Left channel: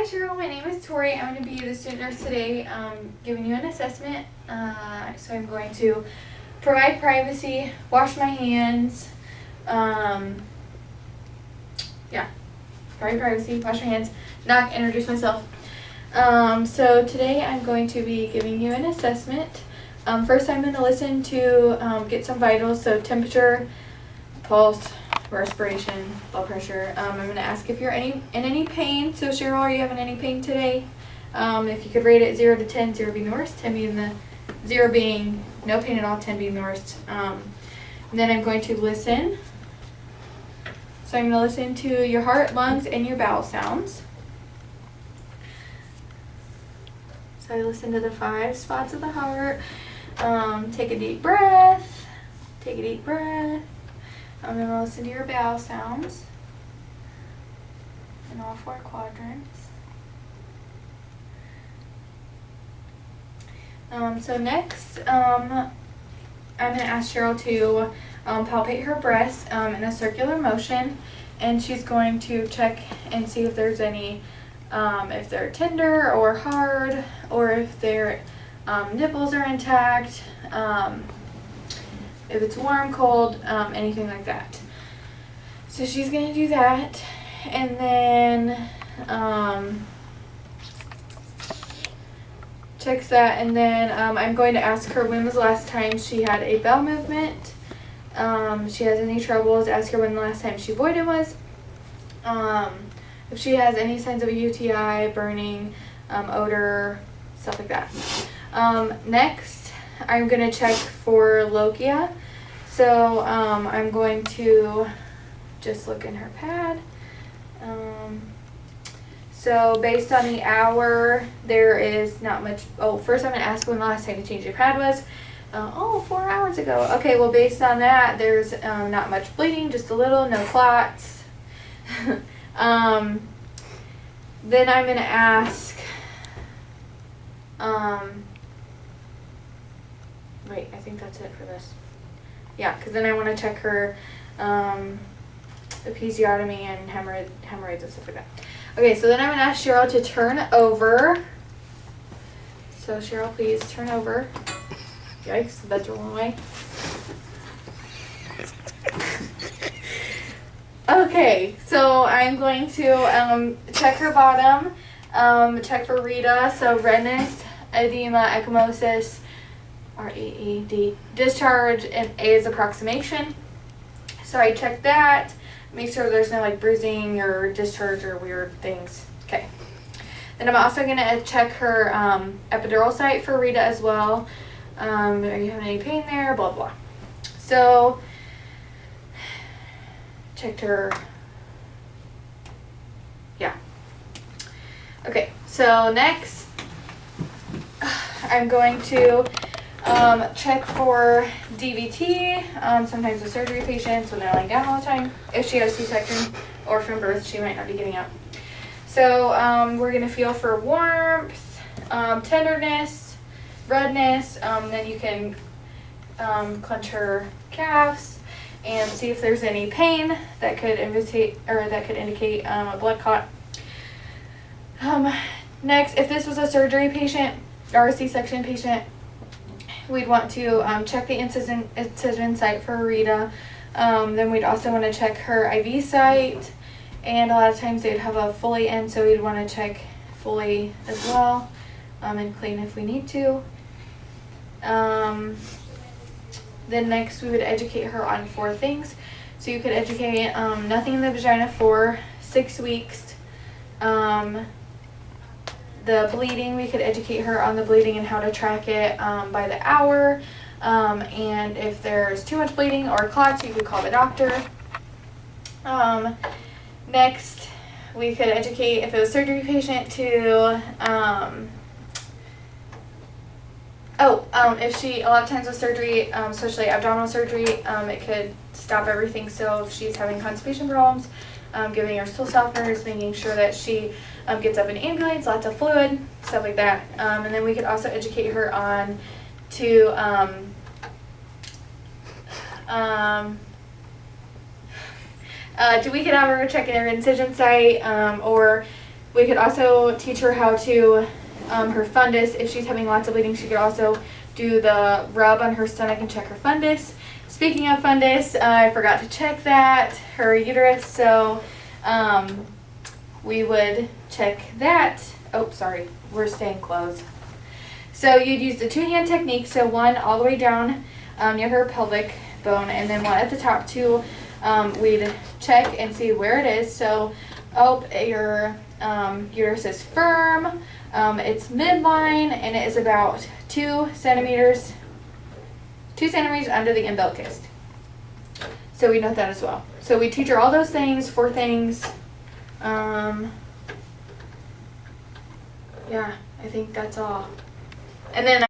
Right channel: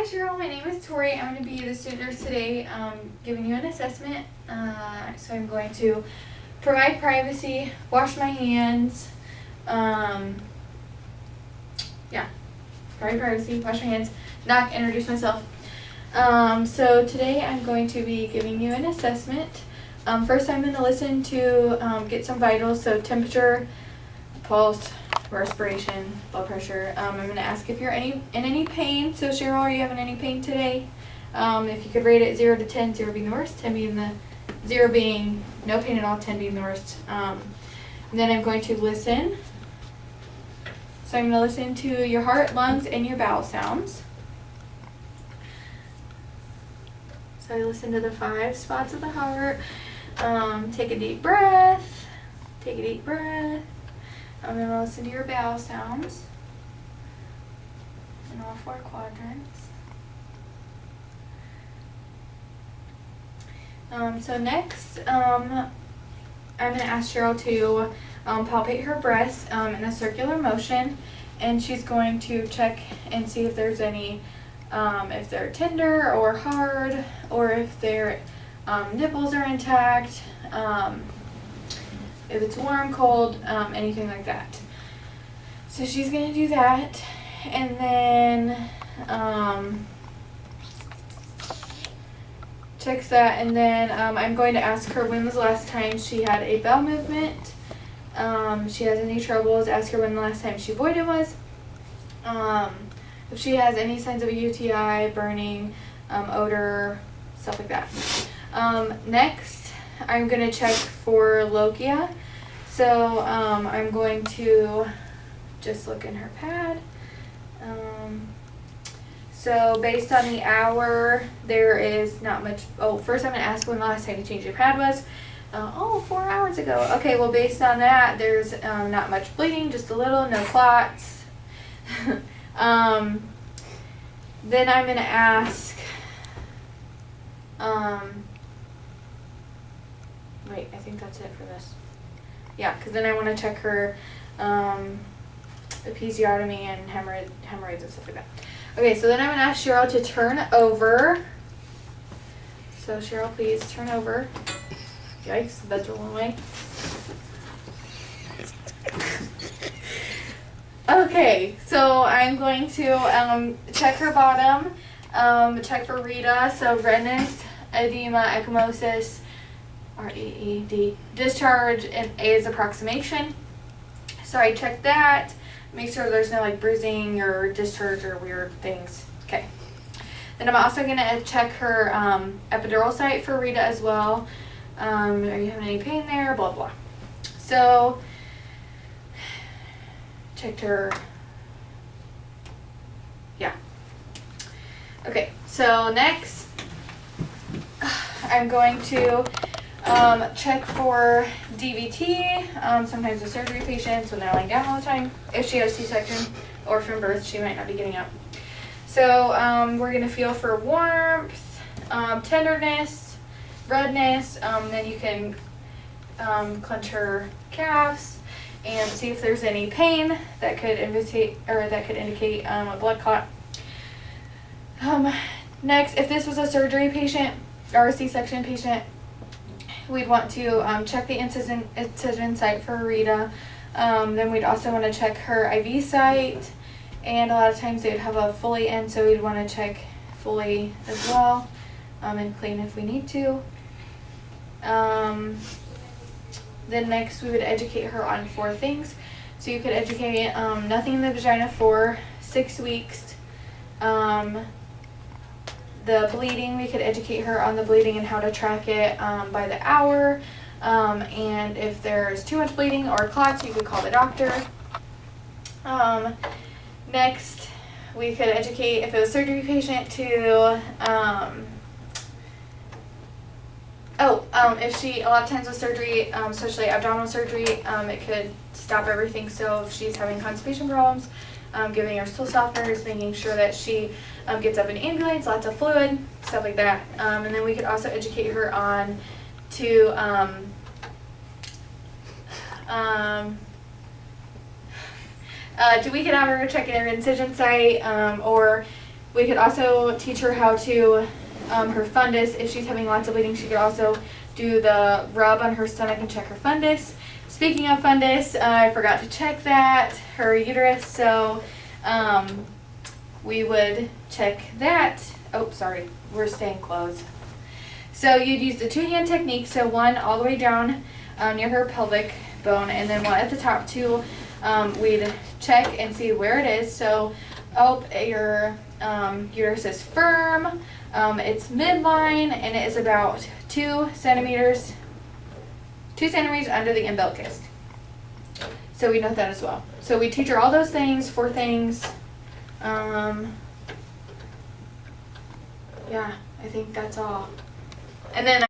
Hi Cheryl, my name is Tori. I'm going to be the student nurse today, giving you an assessment. So I'm going to provide privacy, wash my hands, provide privacy, wash my hands, knock, introduce myself. So today I'm going to be giving you an assessment. First I'm going to listen to get some vitals, so temperature, pulse, respiration, blood pressure. I'm going to ask if you're in any pain. So Cheryl, are you having any pain today? If you could rate it 0 to 10, 0 being the worst, 10 being 0 being no pain at all, 10 being the worst. And then I'm going to listen. So I'm going to listen to your heart, lungs, and your bowel sounds. So I listen to the 5 spots of the heart. Take a deep breath. Take a deep breath. I'm going to listen to your bowel sounds in all 4 quadrants. So next, I'm going to ask Cheryl to palpate her breasts in a circular motion, and she's going to check and see if there's any, if they're tender or hard, or if their nipples are intact, if it's warm, cold, anything like that. So she's going to do that, and then checks that, and then I'm going to ask her when was the last time she had a bowel movement. If she has any troubles, ask her when the last time she voided was. If she has any signs of a UTI, burning, odor, stuff like that. Next, I'm going to check for lochia. So I'm going to just look in her pad. So based on the hour, there is not much. Oh, first I'm going to ask when the last time you changed your pad was. 4 hours ago. Okay, well based on that, there's not much bleeding, just a little, no clots. Then I'm going to ask, wait, I think that's it for this. Yeah, because then I want to check her episiotomy and hemorrhoids and stuff like that. Okay, so then I'm going to ask Cheryl to turn over. So Cheryl, please turn over. Yikes, the bed's rolling away. Okay, so I'm going to check her bottom, check for Rita, so redness, edema, ecchymosis, REED, discharge, and A is approximation. So I check that, make sure there's no like bruising or discharge or weird things. Okay. Then I'm also going to check her epidural site for Rita as well. Are you having any pain there? Blah, blah. So, checked her. Yeah. Okay, so next, I'm going to check for DVT. Sometimes with surgery patients, when they're laying down all the time, if she has C-section or from birth, she might not be getting up. So, we're going to feel for warmth, tenderness, redness, then you can clench her calves and see if there's any pain that could indicate a blood clot. Next, if this was a surgery patient or a C-section patient, we'd want to check the incision site for Rita. Then we'd also want to check her IV site, and a lot of times they'd have a Foley in, so we'd want to check Foley as well, and clean if we need to. Then next we would educate her on 4 things. So you could educate nothing in the vagina for 6 weeks. The bleeding, we could educate her on the bleeding and how to track it by the hour. And if there's too much bleeding or clots, you could call the doctor. Next, we could educate, if it was a surgery patient, to if she, a lot of times with surgery, especially abdominal surgery, it could stop everything. So if she's having constipation problems, giving her stool softeners, making sure that she gets up and ambulates, lots of fluid, stuff like that. And then we could also educate her on to we could have her check in her incision site, or We could also teach her how to, her fundus. If she's having lots of bleeding, she could also do the rub on her stomach and check her fundus. Speaking of fundus, I forgot to check that, her uterus, so we would check that. Oh, sorry, we're staying closed. So you'd use the 2-hand technique, so one all the way down near her pelvic bone, and then one at the top too. We'd check and see where it is. So, your uterus is firm, it's midline, and it is about 2 centimeters under the umbilicus. So we note that as well. So we teach her all those things, 4 things. Yeah, I think that's all. And then